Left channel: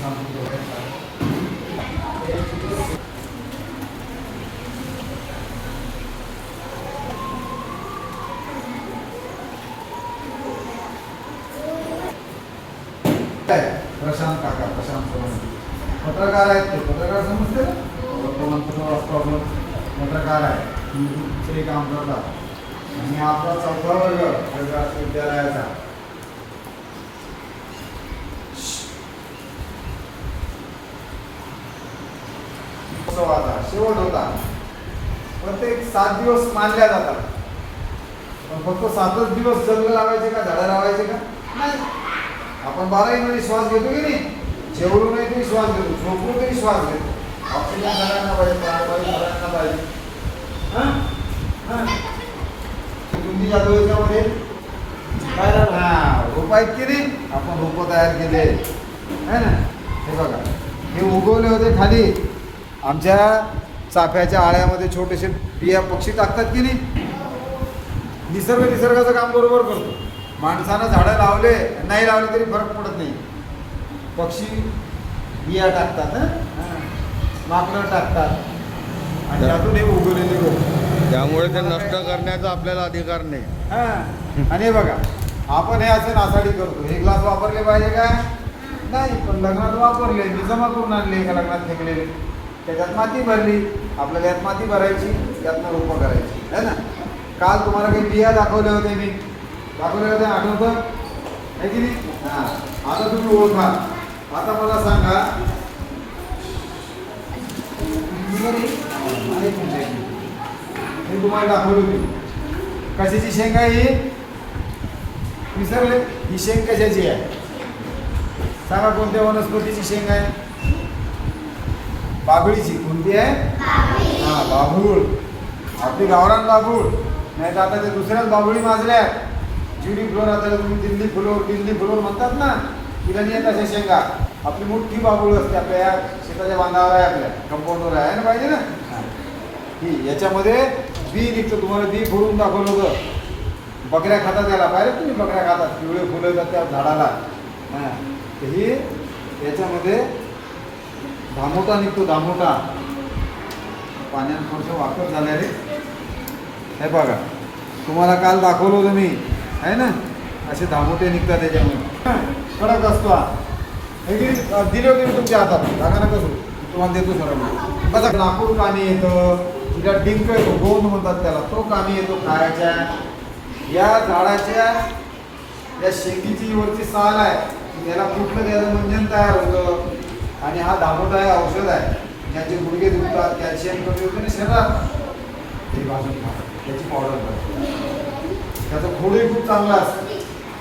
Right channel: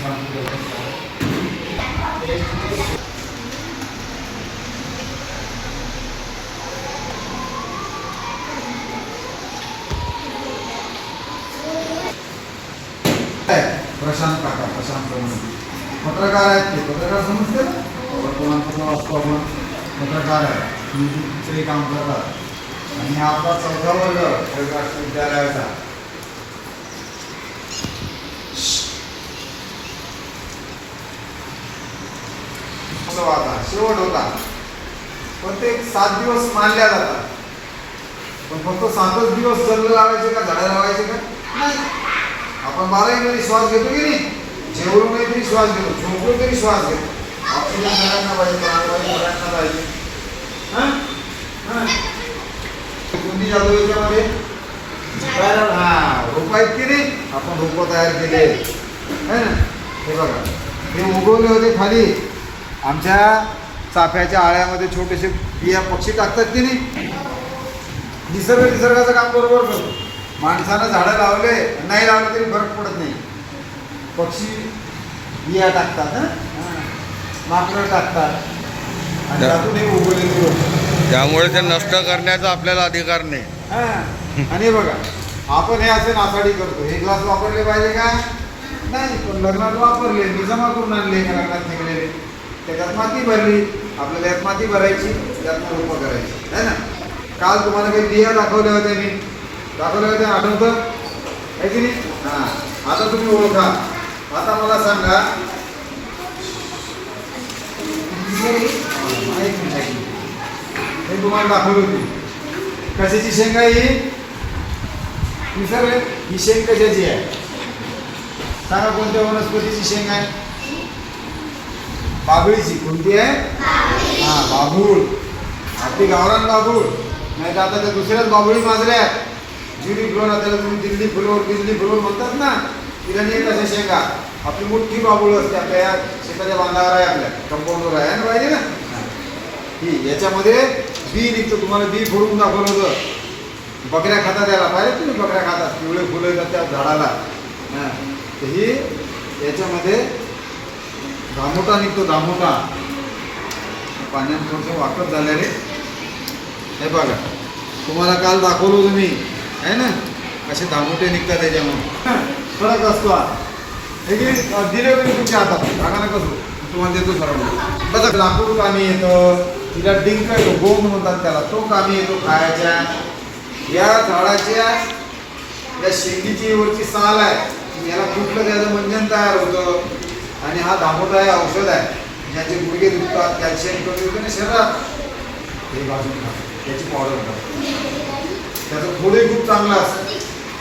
प्रशांत काका, प्रशांत पत्रकार आहेत ते. पत्रकार समजते ना, वर्तमानपत्र वाचतो आपण. पत्रकार आहे, न्यूजचे काम करतात. आणि हा आपला 14 वर्ग राष्ट्रीय विद्यालयाचा. शेवट होता, पण ते 7 दिवस मानल्या जातात. पण फक्त 7च दिवस जल लावायचे का, झाडं लावायचे का? नाही. आपण 12 महिने श्वास घेतो की नाही, जेवढून नाही तरी श्वास घेतो, झोपलो तरी श्वास घेतो. ऑक्सिजन झाडांना पाहिजे, प्राणवायू झाडांना पाहिजे. कुंडी जातो याच्यामध्ये रोप आहेत की नाही, आपण रोपं तयार केले आहे ना. हे बघा, हे उगवले होते खाली आमच्या चाफ्याच्या आळ्यामध्ये. छोटेसे बिया पक्षी टाकतात की नाही. निसर्गाचं काम बरोबर करतो. माणसानं झाडं लावले नाही लावले तरी फरक पडत नाही. पक्षी बिया टाकतात, माकडं टाकतात आणि त्यातून हे उगवलेले रोप. त्यामुळे ते नष्ट करण्याचा आपल्याला अधिकार नाही. आणि हे बघा, आपण हे असे नासाडी करतो. हे ग्लास वापरले पाहिजे का? नाही, पण लग्नात वापरले, मी जमा करून आणले का लग्नात फेकलेले. त्याच्यात माती भरली, आपल्याला यात माती भरायची, त्यात रोपं करायची आहे ना. काल तुम्हाला काही बिया दाखवल्या होत्या, मी दाखवल्या होत्या, आठवतं आहे की नाही? हां, आता तुम्ही ओळखा. आता मला सांगा, मी तुम्हाला दाखवली होती कशाची शेंग आहे ही. ही शेंग कशाची आहे सांगा? कोणत्या वनस्पतीची शेंग आहे? बाभळीची. कोणती आहे? हां, बाभूळ. आपली गावरान बाभूळ. नाही तर आता त्या दुसऱ्याच बाभळी माजल्या, जुडी फ्लोरा, त्याला तुम्ही दिल्ली फ्लोर म्हणतात ना. तिला नाही कशा शेंगा. आपली मोठी बाभूळ असते, आपल्या शेताच्या बांधावर आहे, आपल्या कंपाऊंडवर आहे ना, पाहिजे ना. ही याच्यामध्ये बी निघतं. तुम्हाला बी फोडून दाखवलं होतं. बकऱ्या खातात त्याला, पाहिजे तुम्ही? बकऱ्या खातात, पिवळे फुलं येतात त्या झाडाला. हां, तर ही याच्यामध्ये धामोटा निघतो, धामोटा. पाण्यात थोडंसं वाकत झालं रे. हे बघा, तुम्हाला काल दाखवलं तुम्ही आहे ना, असे धामोटे निघतात त्याच्यामध्ये. फरक असतो हा. हे की दिले होते मी तुमच्या हातात, सांगा ना कसं तुम्हाला देतो सरळ. कसं लाकूड कामी येतं, तिला डिंक येतो, गोंद म्हणतात त्याला, तो कामी येतो खायच्या. या झाडाच्या या शेतीची वरची साल आहे, याला कुठलं त्याचं मंजन तयार होतं. आणि हा धामोटा हे औषध आहे, ज्याचे गुडघे दुखतात, कॅल्शियम कमी होते ना शरीरात, हे भाजून खातात, त्याची पावडर करतात. त्याचं खोडे खूप चांगला असतं.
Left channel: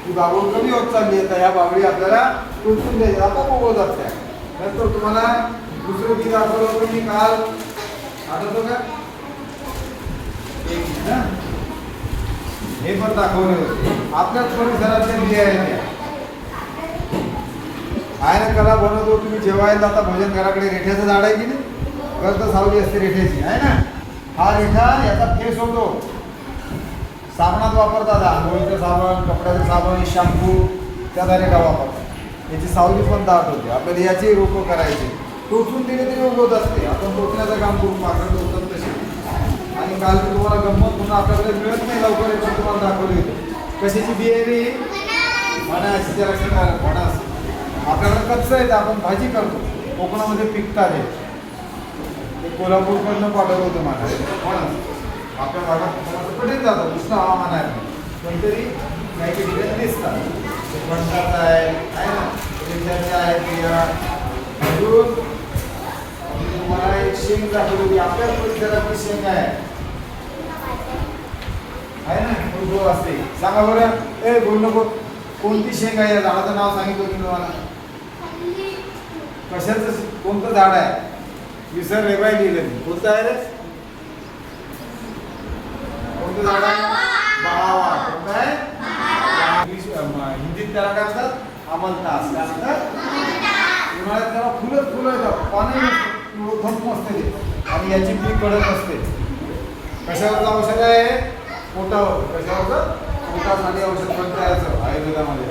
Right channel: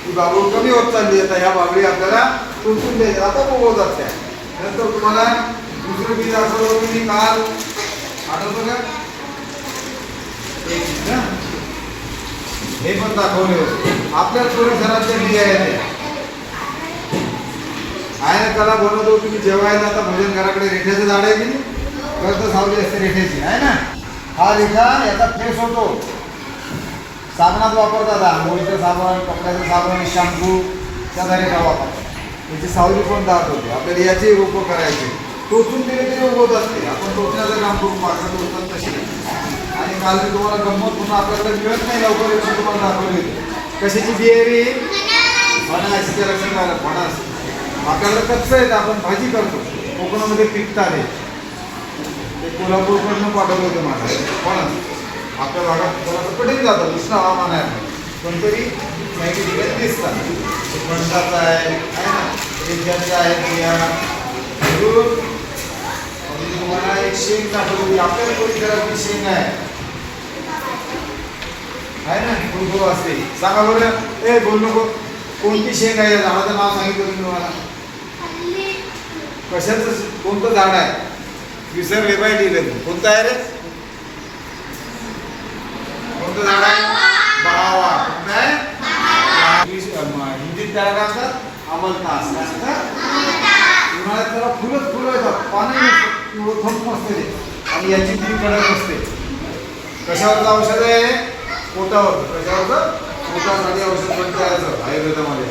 ती बाबूळ कमी होत चालली. आता ह्या बाबळी आपल्याला टोचून द्यायच्या, आता उगवतात त्या. नंतर तुम्हाला दुसरं बी दाखवलं होतं मी काल, आठवतं का? हे पण दाखवले होते. आपल्याच परिसरातल्या बिया आहेत आहे ना. कला बनवतो तुम्ही जेवायला आता भोजन घराकडे. रेठ्याचं झाड आहे की नाही, गर्द सावली असते रेठ्याची आहे ना. हा रेठा याचा फेस होतो, साबणात वापरतात. आंघोळीचं साबण, कपड्याचं साबण, शॅम्पू, त्या रेठा वापरतात. याची सावली पण दाट होते. आपल्याला याची रोपं करायची, टोचून दिले तरी उगवत असते. आपण टोचण्याचं काम करून मागं टोचतात तसे. आणि काल मी तुम्हाला गंमत पुन्हा आपल्याकडे मिळत नाही लवकर, पण तुम्हाला दाखवली होती. कशाची बिहेवी? फणस. त्या लक्षात आलं, फणस. आपल्याकडे कच्चं आहे, आपण भाजी करतो. कोकणामध्ये पिकतात हे. ते कोल्हापूरकडनं पाठवलं होतं मला फणस. आपल्या भागात कोणाचं कठीण जातं, उष्ण हवामान आहे, पण तरी नाही तिकडे दिसतात. फणसाचं आहे ना, रेंजाचं आहे बिया. तुम्हाला एक शेंग दाखवली होती, आपल्या परिसरातली शेंग आहे ना, फुलगो असते. सांगा बरं, ए बोल नको, कोणती शेंग आहे? झाडाचं नाव सांगितलं तुम्ही मला. कशाचं, कोणतं झाड आहे? विसरले बाय, लिहिलं. कोणतं आहे रे? कोणतं झाड आहे? बावा. कोणतं आहे? हिंदीत त्याला काय म्हणतात? अमलतास. काय म्हणतात? उन्हाळ्यात त्याला फुलं येतात, पाणी थंप असते आणि याची ती कडक असते. कशावरचं औषध आहे? पोटावर. कशावरचं? पोटासाठी औषध बनतं आयुर्वेदामध्ये.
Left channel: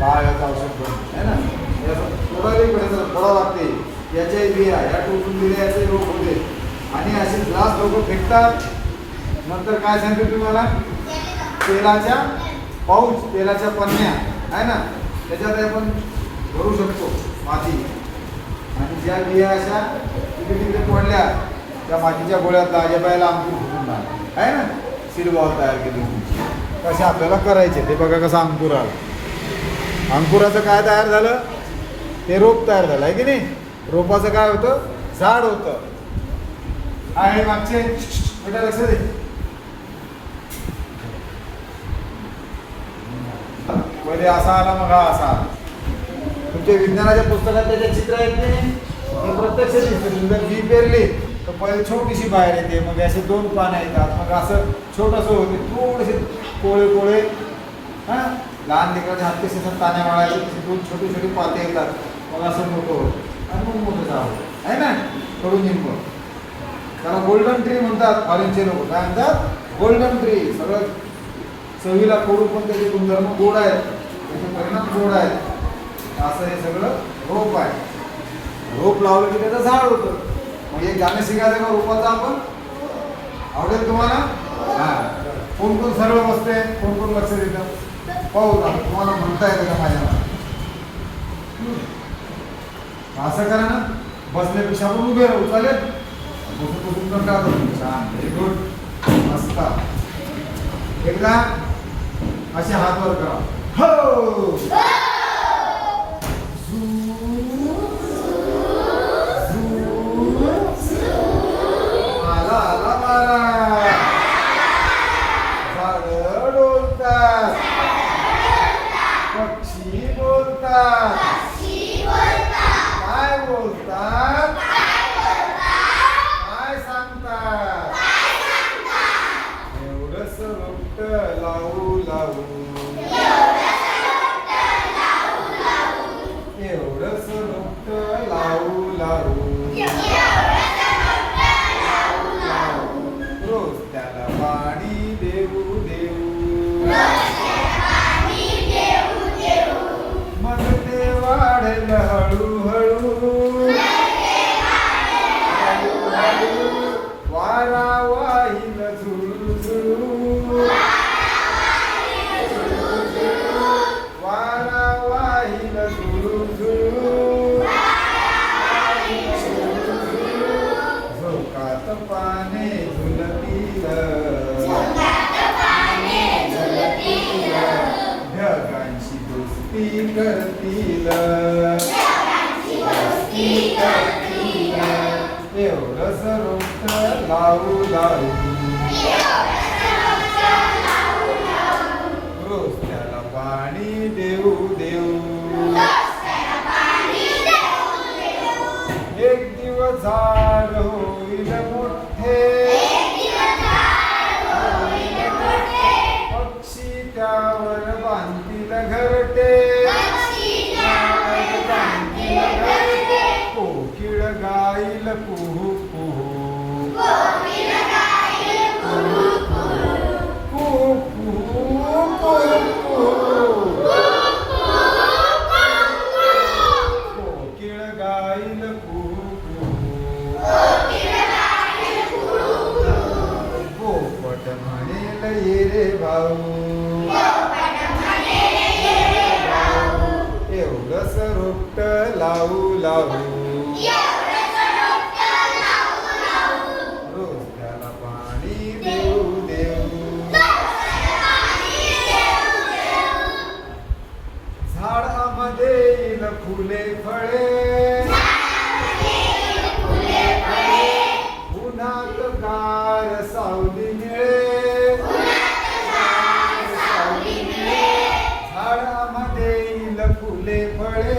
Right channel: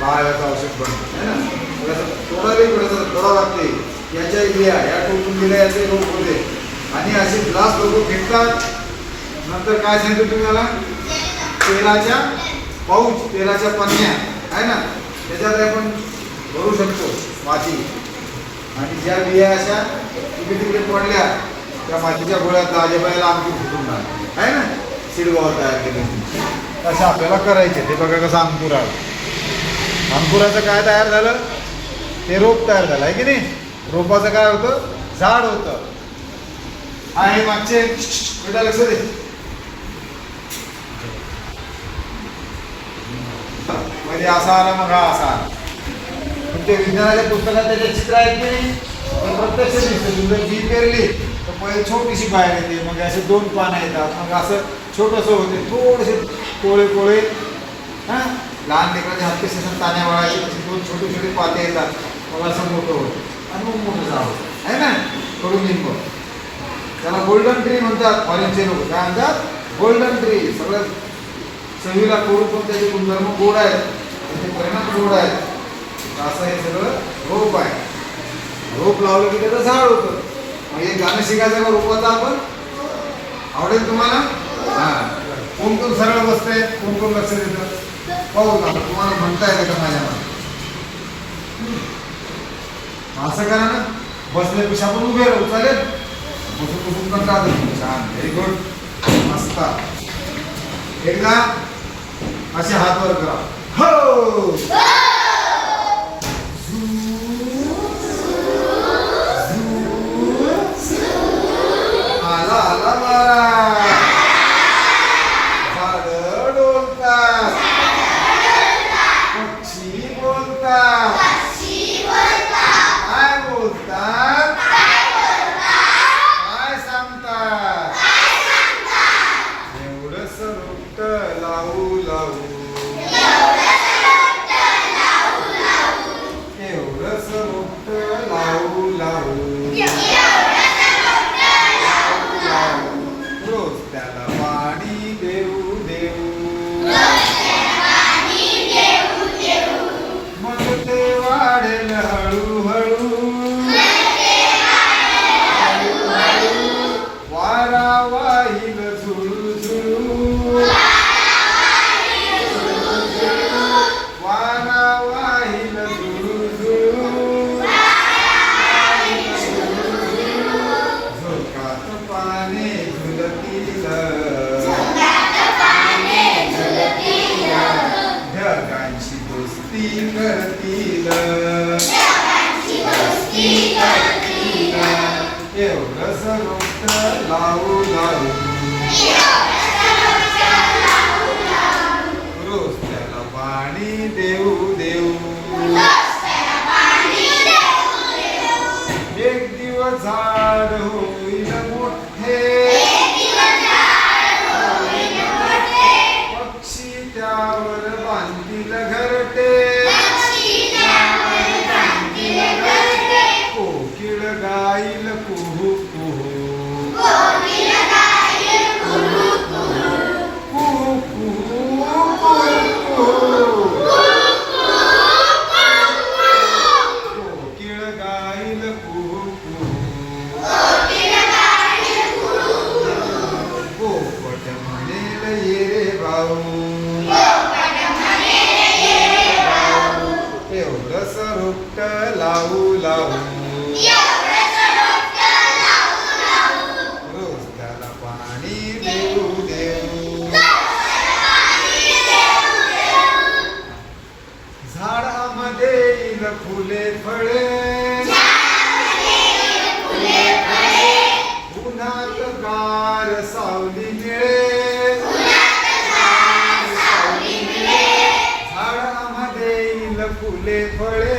बाळाचं औषध बनतं आहे ना. थोडा लागते. याच्या बिया या टोचून दिल्या याचे रोप होते आणि असे ग्लास लोक फेकतात. नंतर काय सांगितलं तुम्ही मला? तेलाच्या पाऊच, तेलाच्या पन्न्या आहे ना, त्याच्यात आपण भरू शकतो माती. आणि ज्या बिया अशा तिकडे तिकडे पडल्या त्या मातीच्या गोळ्यात आजोबाला अंकुर फुटून टाकले आहे ना, सीडबॉल तयार केले. तसं आपल्याला करायचे. ते बघा कसं अंकुर आहे. अंकुराचं काय तयार झालं? ते रोप तयार झालं आहे की नाही. रोपाचं काय होतं? झाड होतं. हा हे मागचे बेटा लक्ष दे. मध्ये असा आला मग हा असा आला. पण ते विज्ञानाच्या पुस्तकात त्याचे चित्र आहेत की नाही, ते प्रत्यक्ष दिसते. जर बी पेरली तर पहिले छोटीशी बाहेर येते, मग असे 2 पानं येतात, मग असं छोटंसं होते. थोडेसे कोळे कोळे हां लहान लेकराच्या हात कसे असतात ताण्या वाळायचे, 2 छोटे छोटे पाते येतात, मग असं मोठं होतं आणि मग मोठं झाड होतं आहे ना. कडून लिंब त्याला गोल्डन ट्री म्हणतात. फॉरेनचे लोक काय म्हणतात? Golden tree. सगळं चवीला कडू पण त्याचे गुणधर्म गोड आहेत, त्याचे परिणाम गोड आहेत. असं हे सगळं रोप आहे. रोप लावलं की त्याचं झाड होतं. मग हे गाणं शिकायचं का रोपाचं आपण? आवडेल तुम्हाला? हां. कोण कोण सरळ बसते, कोण कोण लक्ष देतं? पाहू का तुम्हाला म्हणता येतं का माझ्या? असं करा ना, बसल्यापेक्षा आपण उभे राहू. चालेल? बसून बसून पण राहतो. छान, व्हेरी गुड, मस्त. एकदा असे हात वर करा. हो. आला आला मारा. झाडं डोलतात, पक्षी बोलतात. काय बोलतात? काय सांगतात? एवढंच रोपट लावू लावू, एवढंच रोपट लावू लावू, रोज त्याला पाणी देऊ देऊ, मग ते वाढेल हळूहळू. वारा वाईल झुळू झुळू, वारा वाईल झुळू झुळू, झोकात पाने झुलतील, ढगांची दोस्ती करतील, एवढंच रोपट लावू लावू, रोज त्याला पाणी देऊ देऊ. एक दिवस झाड होईल मोठे, पक्षी त्यावर बांधतील घरटे, कोकिळ गाईल कुहू कुहू, कुहू कुहू कुहू, कोकिळ गाईल कुहू कुहू, पोपट म्हणेल ये रे भाऊ, एवढंच रोपट लावू लावू, रोज त्याला पाणी देऊ देऊ. झाडामध्ये येईल फुले फळे, उन्हात गार सावली मिळे, झाडामध्ये येईल फुले फळे,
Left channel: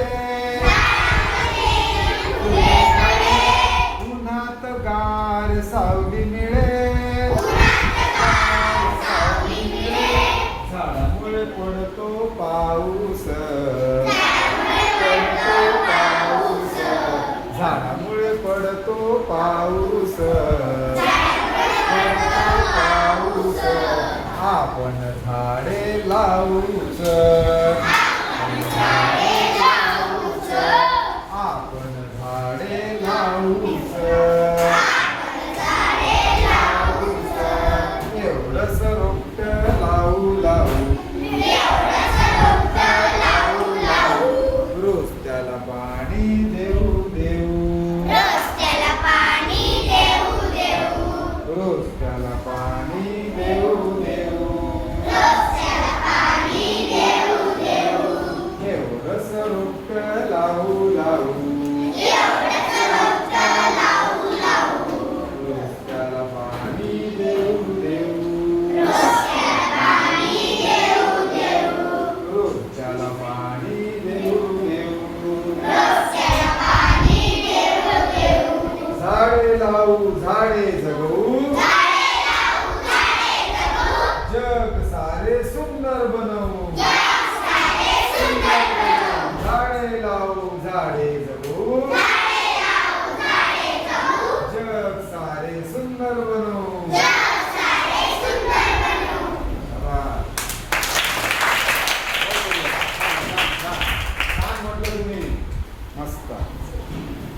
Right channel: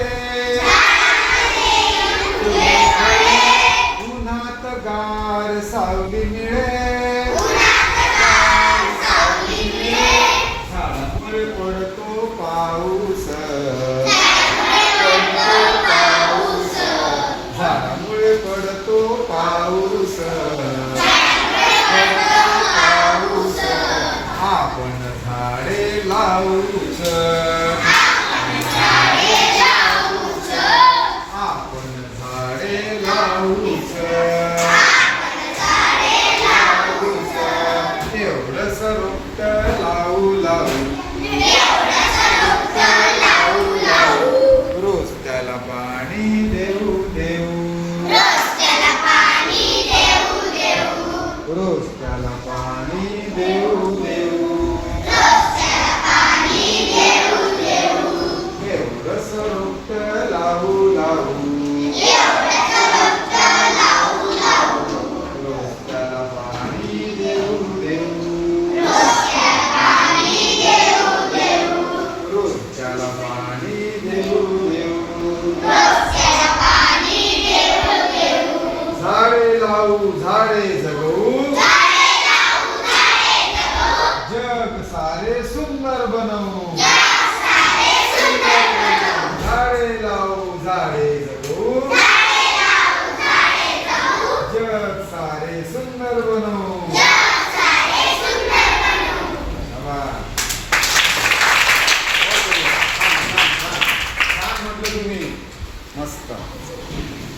उन्हात गार सावली मिळे, झाडामुळे पडतो पाऊस, झाडामुळे पडतो पाऊस, आपण झाडे लावूच, करायला